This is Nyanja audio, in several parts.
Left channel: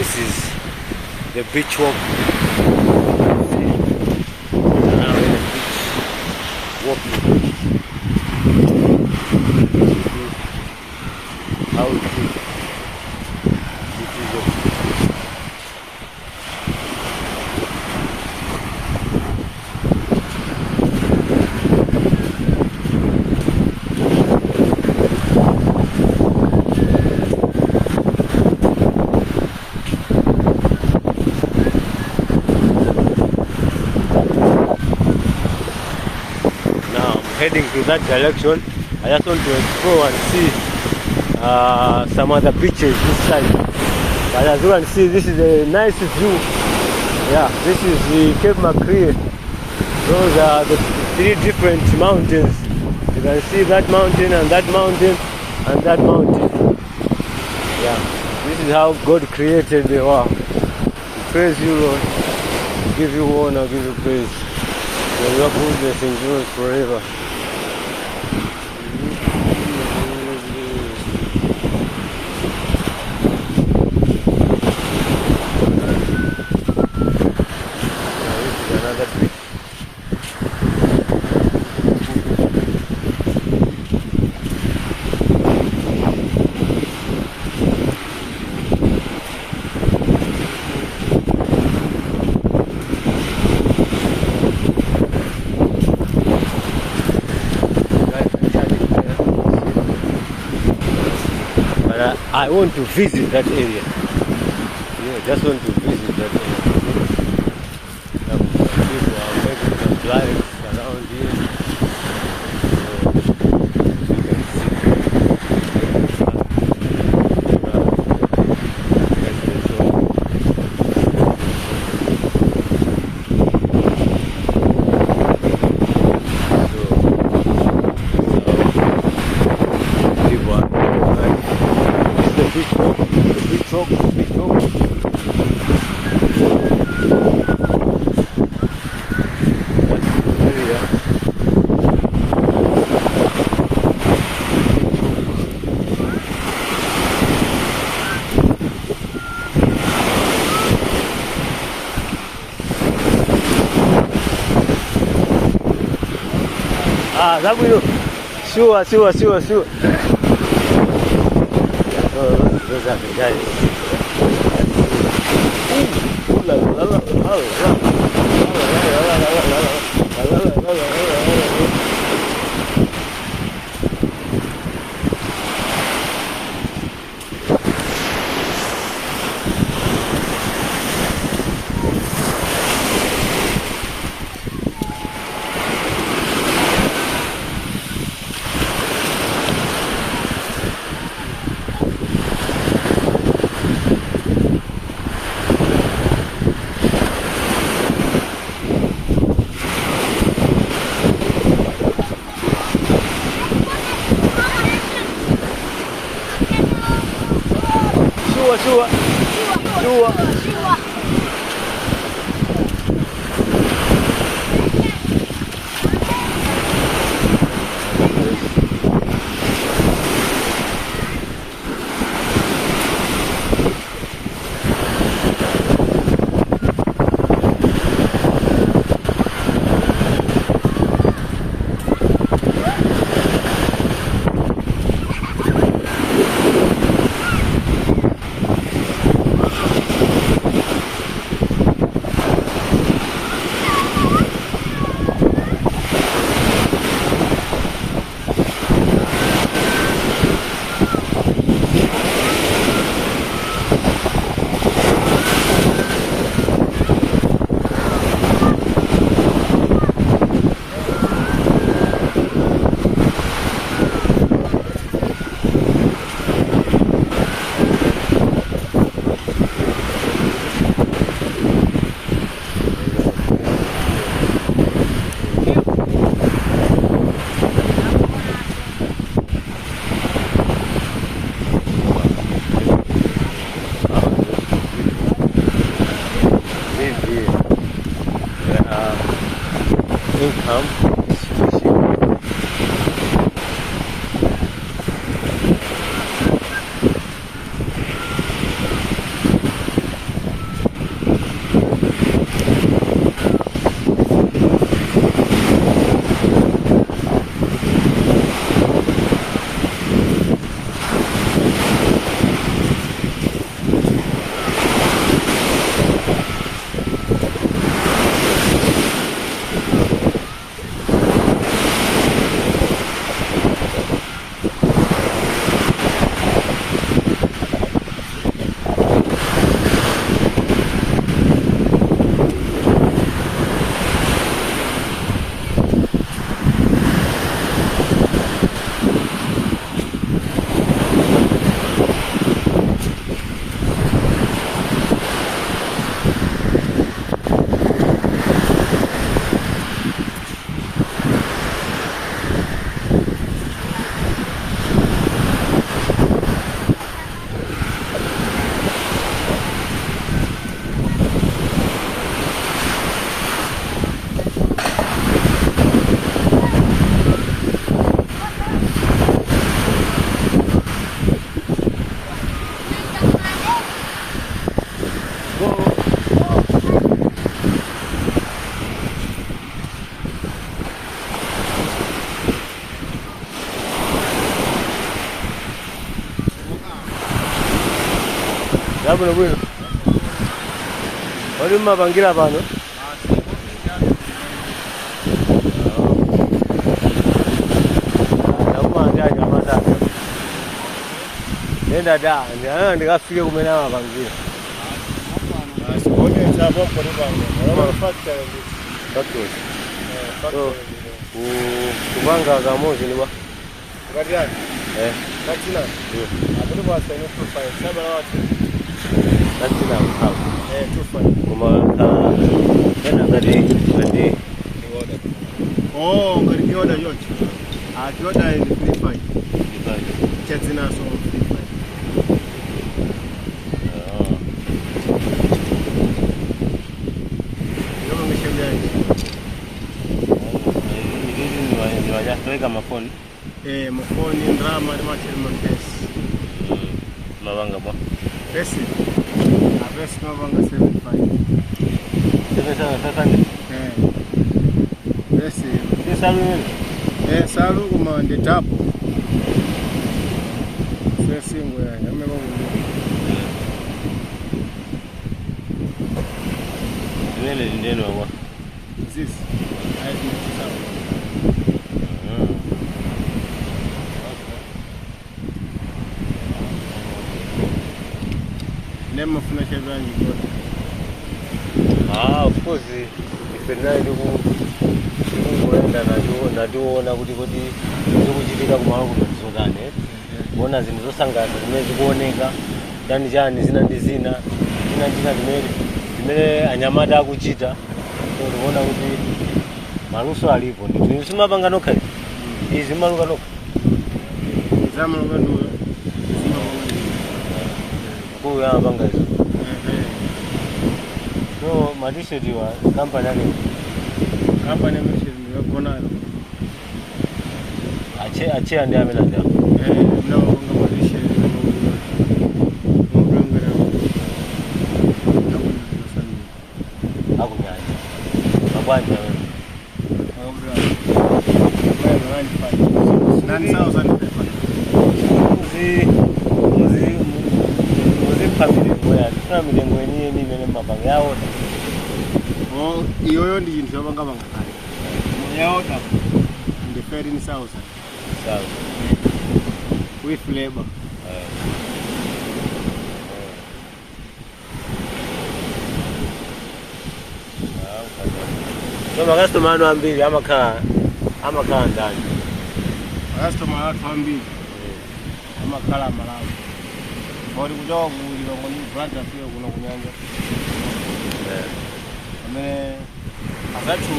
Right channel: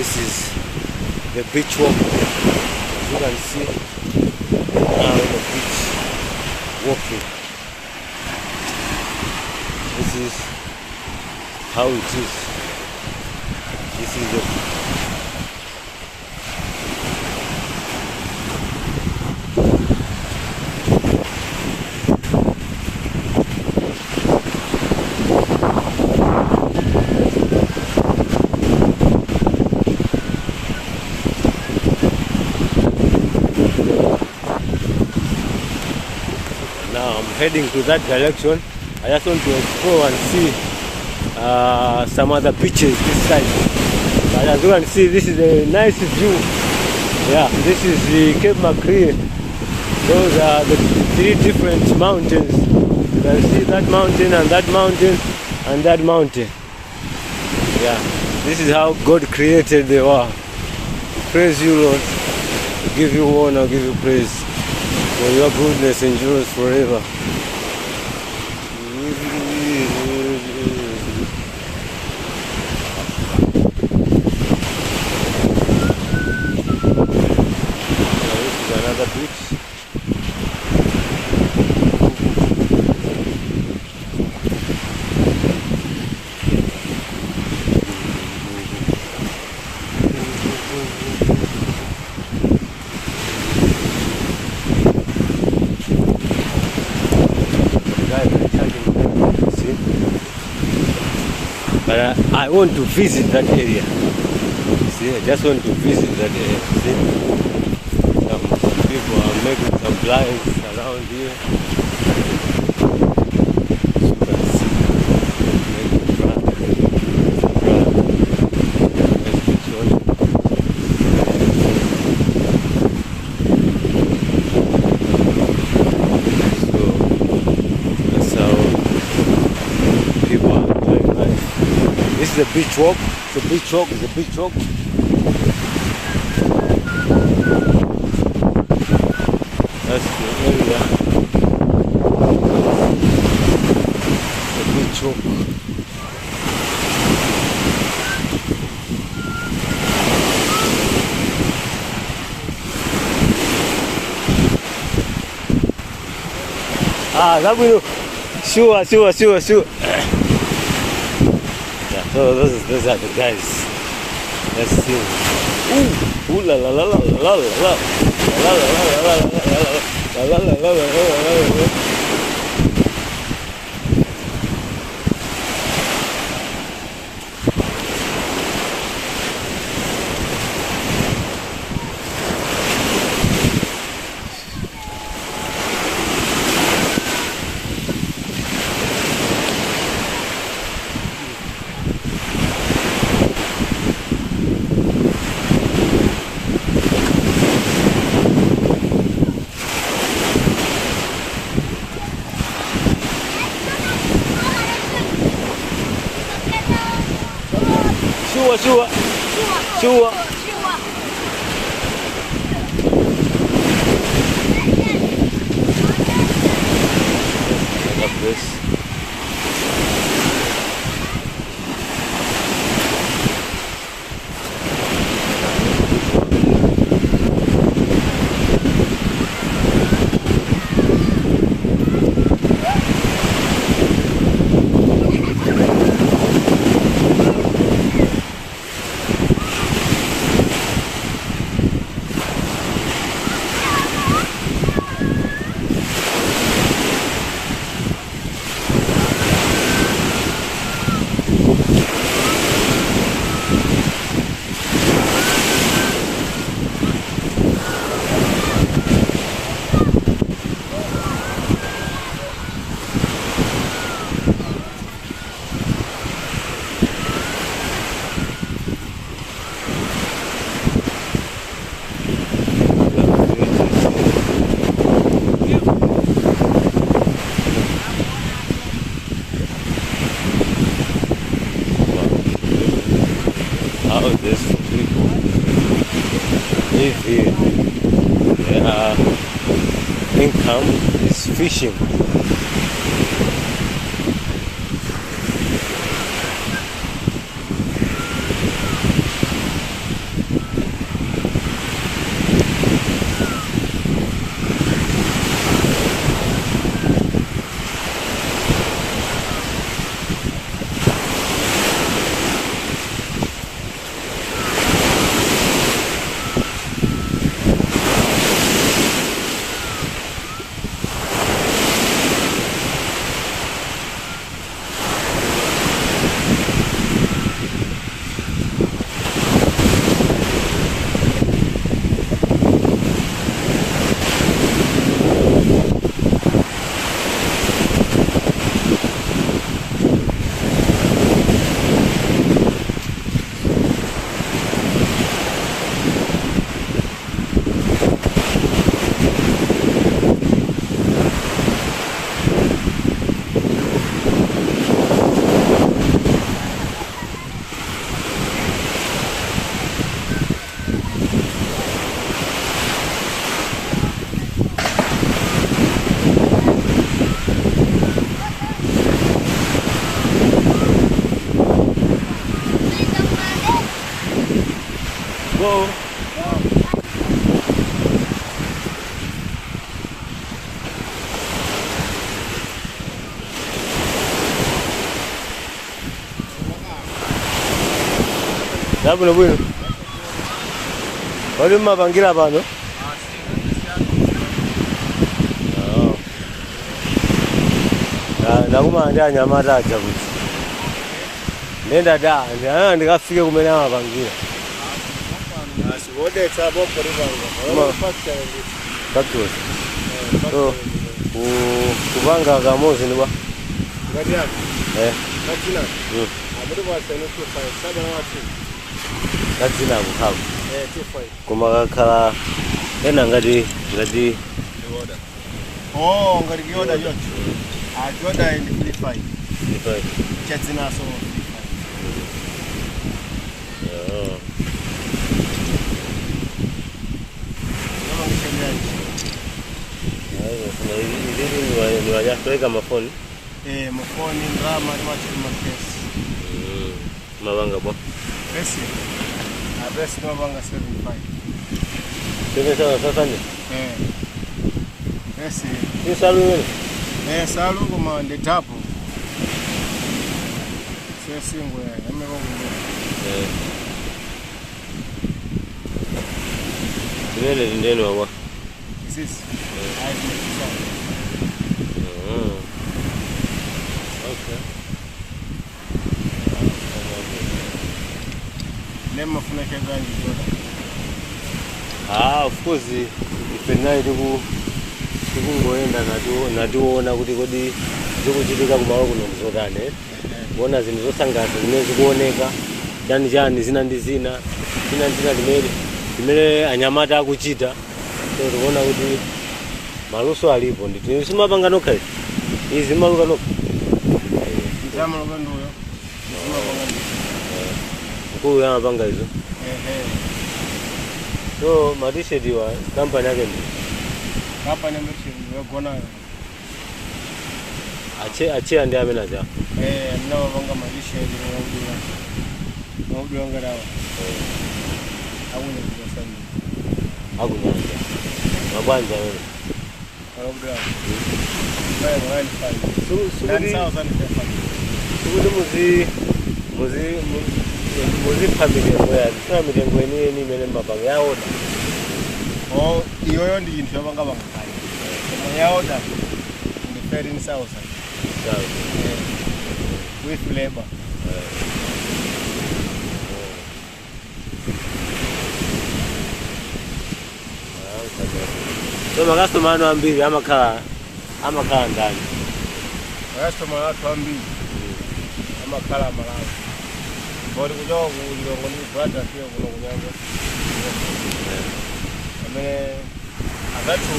This is the beach walk. You can see now in the beach walking. This is how it is. This is the heading to that direction. I just want to explore and see some other beaches this side. But as you can see, this is a nice view. Yeah, this is the Cape Macrae. Those are the three different mountains. You can see that mountain and that mountain and that mountain. Yeah, this is how God created the world. Praise you, Lord. Give you honor, give you praise. For your goodness endures forever. I want to visit that area. See, I just want to visit that area. See, people are making some lives around here. You can see. Let's control. So people are going nice. This is the beach walk. The beach walk. The beach walk. That's the area. Beach walk. That will. Sure. Those are the guys. Let's see. Ooh la la la la la la. Sure. Income is fishing. Dabula bwino. Wali mabangira pano? Ndakuma ndi anyamata aja. Nenda da, ndikafike kumene amapangira. Sibonde sapo pano. Wala factory. Factory. Kubanga kamozi ni ba? Ngati yake. Katina. Abudi kwasa ino profile saba na watu. Katina kuhapo. Profile. Kuma kaka ena ngati order. Oh, ngati order yote. Order in the file. Katina so. Kuweka mafoni. Mafoni drama ni pesa. Mabanga ba. Pesa. Pesa mabanga 75. Sasa ni. Pesa. Ni salu. Salu kuma ndi tapo. Sasa ngo ya nyamelo ngo. Nile ndeni wa. Sisi. Nema funa kazangi yote. Of course, ipena iliku ndiona kuti kodi zikuchitika kumalo kuno mzotane. Kuona zinthu zosangalatsa zimene zikuoneka, chani zina ndi zina zimene anyamata akuchita. Tikuona kuti maluso alipo ndithu simapanga nokha izi maluka nokha. Zamaluka nduyo. Kuya mapanga izi. So t-shirt wa company yake. Company yokona. Achia ndiye amenaza. Nawo wanga t-shirt ngongera. Nawo nasani. Akunyanja. Mabanja wewe. Ngongera. Wewe ngani fa. 9,000 muzi family ngweni ni mene mabanga yawo. Iyoyo ndi chinthu chapanga bangakali. Yawo da. Ndi 13,000. With labor. So makastoma anu ambiri amakhala ndani. Makastoma athu ambiri amakhala Malawi. Bodi kuchoka kulilongo ni brother pia kuno kunyanga. Amene akathu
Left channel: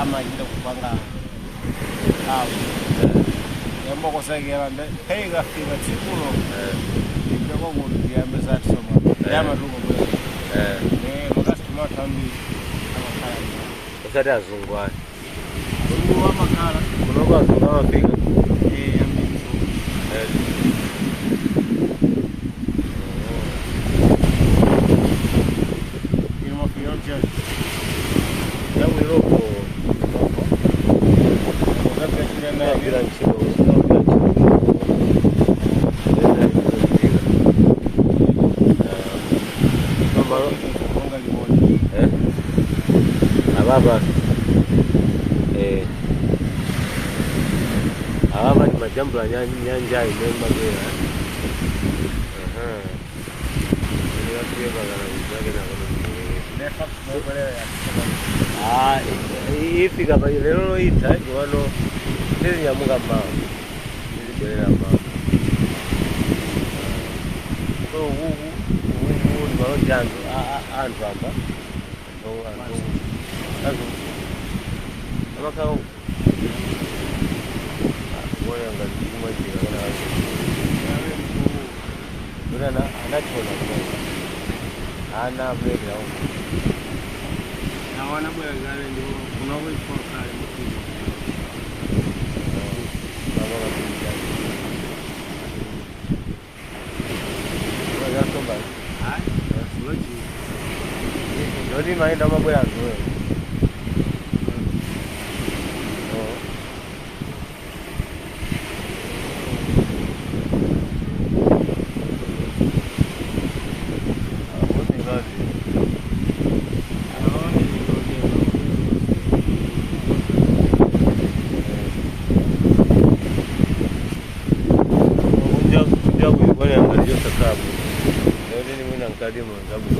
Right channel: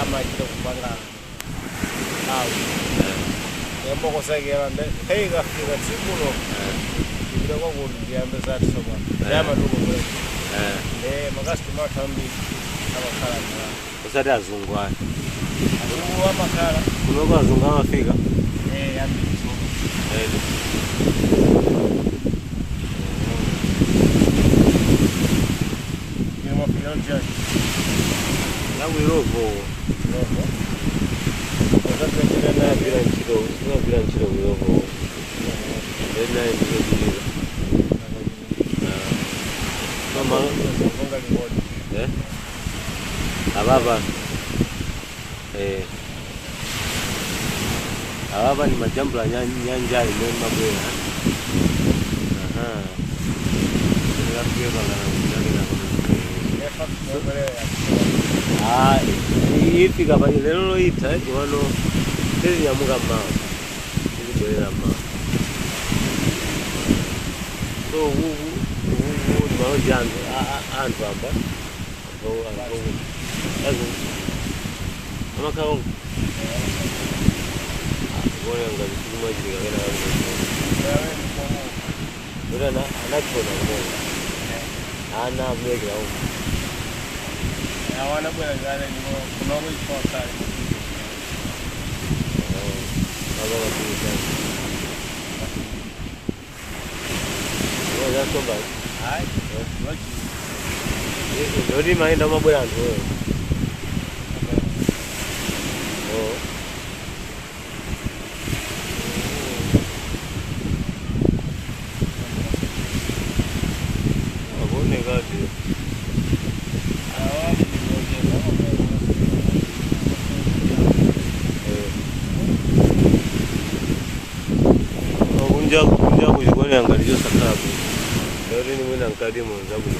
amachita kupanga awu. Yambo kosakera nde kaiga fika tsikulo. Ndiko kwakuti yambe zati soma. Yama tuko bwe. Makastoma athu ambiri amakhala Malawi. Usati azungwana. Kuno amakhala. Kuno kwa azunga amafika. Ambiri so. Tangu Europe. Sina bila nchilo Nena nchilo. Mama Konga limoja. Ababa. Ababa ni majambo la nyanja imema bwera. Ndio bana na ifika pale lero ita wano ndezi ya munga mama ndibelera mama so uwu ndibalo jango anthu amba azo amakao ngoya ngazi mwajira kana anachona ngoya ana blade yao na wana bwana zale ndio kuna wale kwa kale baba wakija wao yako basi hai ndio maenda mambo yako wewe hapo. Ndio mimi na mkadi mwanangu.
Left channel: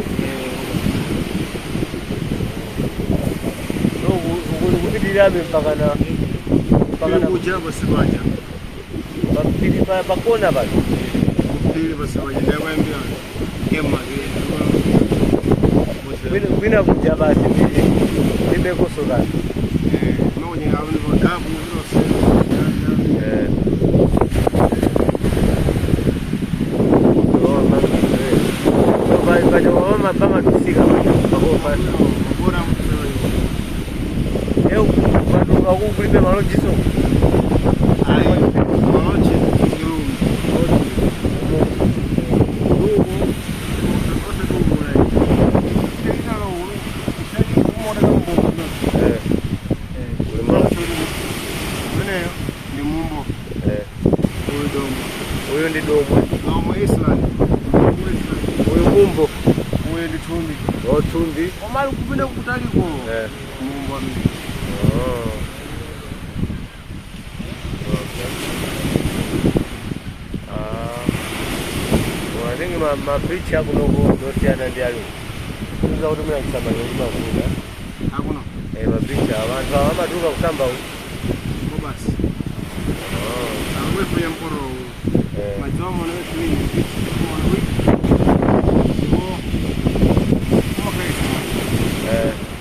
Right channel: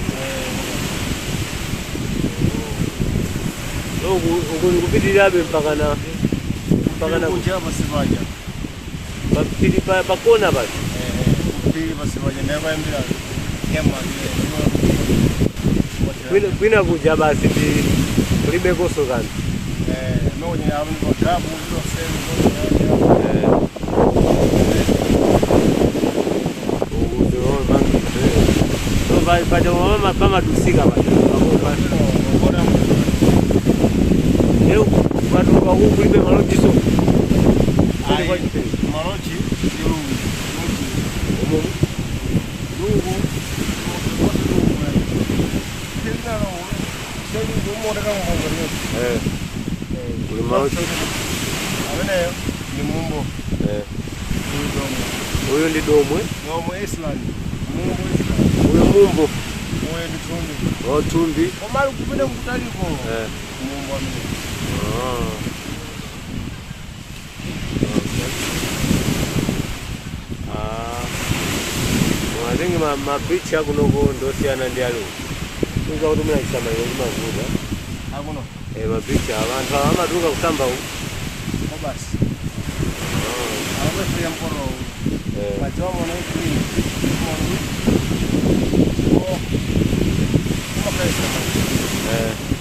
Ndio kukidila mpaka na kuchapa sibanya. Papili pa kona basi. Kupili basibanya ndabambira. Yema Bina kuja basi limekoso gani? Mwenye hapo ndabu hilo sema. Pada mama kama tusika basi. Bora leo watu wa huku lipe maloji so. maloji huyo ndi domwe Island. huyo mumbo Huyo ndi tumbi. Tumbi Omali kupenda kutaliko. Mumbo mimi. Wadengi mapicha kunoko ndosiyana ndi alo. Kuza kutumira kusamba ngoma vuda. Hakuna. Mapicha abantu amatuka kusamba u. Basi. Awe pia mkoro. Majomo na kwini.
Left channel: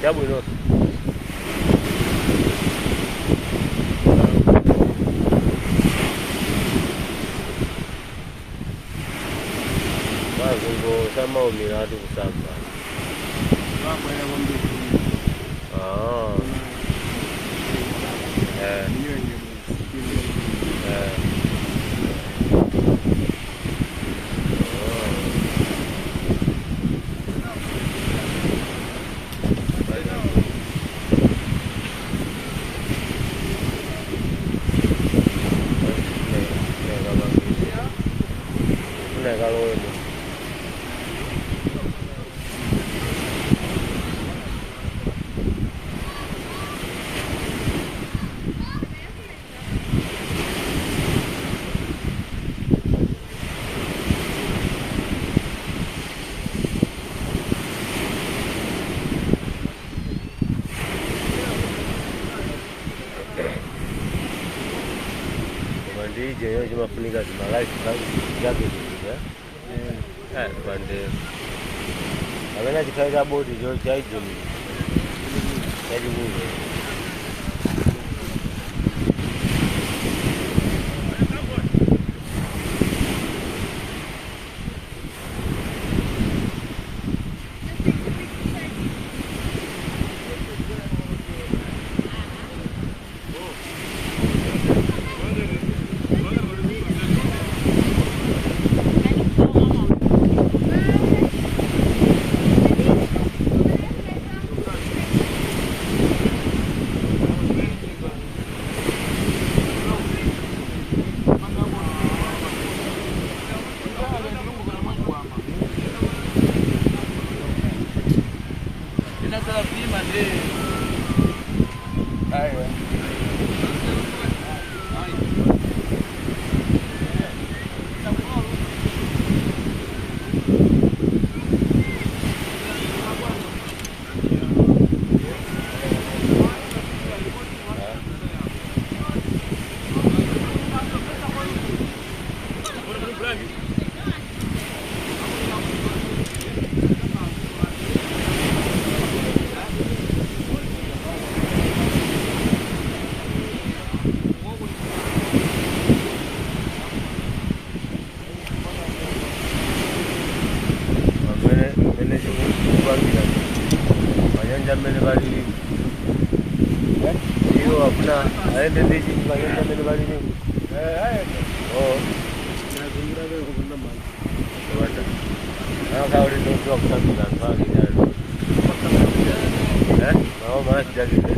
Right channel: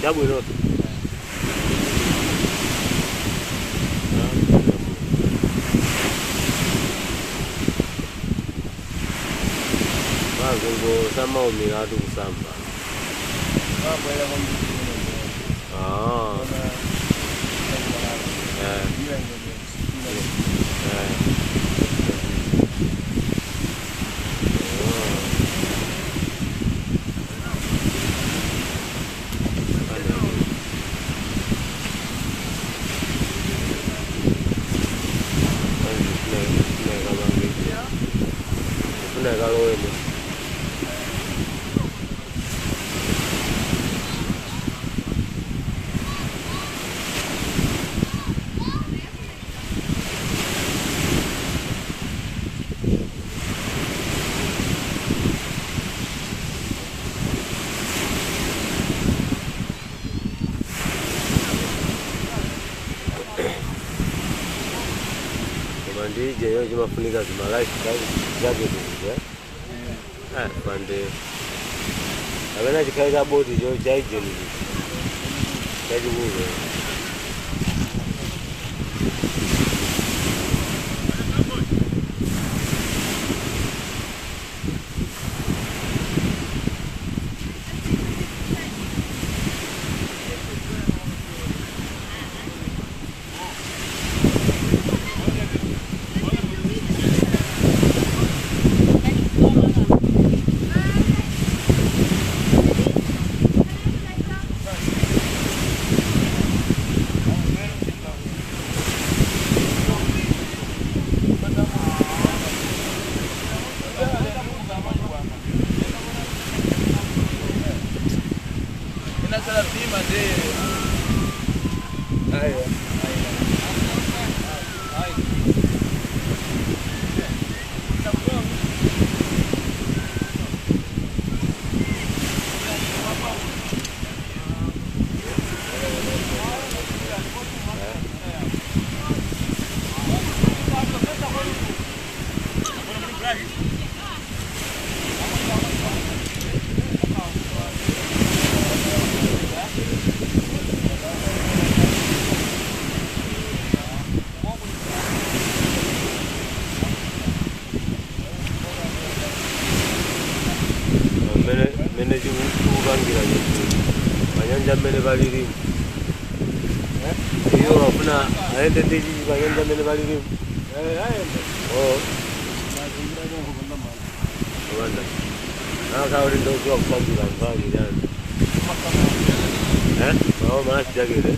Jabu inoto. Bago sama umiratu kusamba. Baba ya ngombe. DJ yo cuma fulinga sebagai jago juga. Pandai. Karena jika gabut di Jogja jadi juga. Aende ndiki bagenda mene bali ni. Wanda. Kauli ndo kwa kusambula mbali yani. Mao maana sijagele.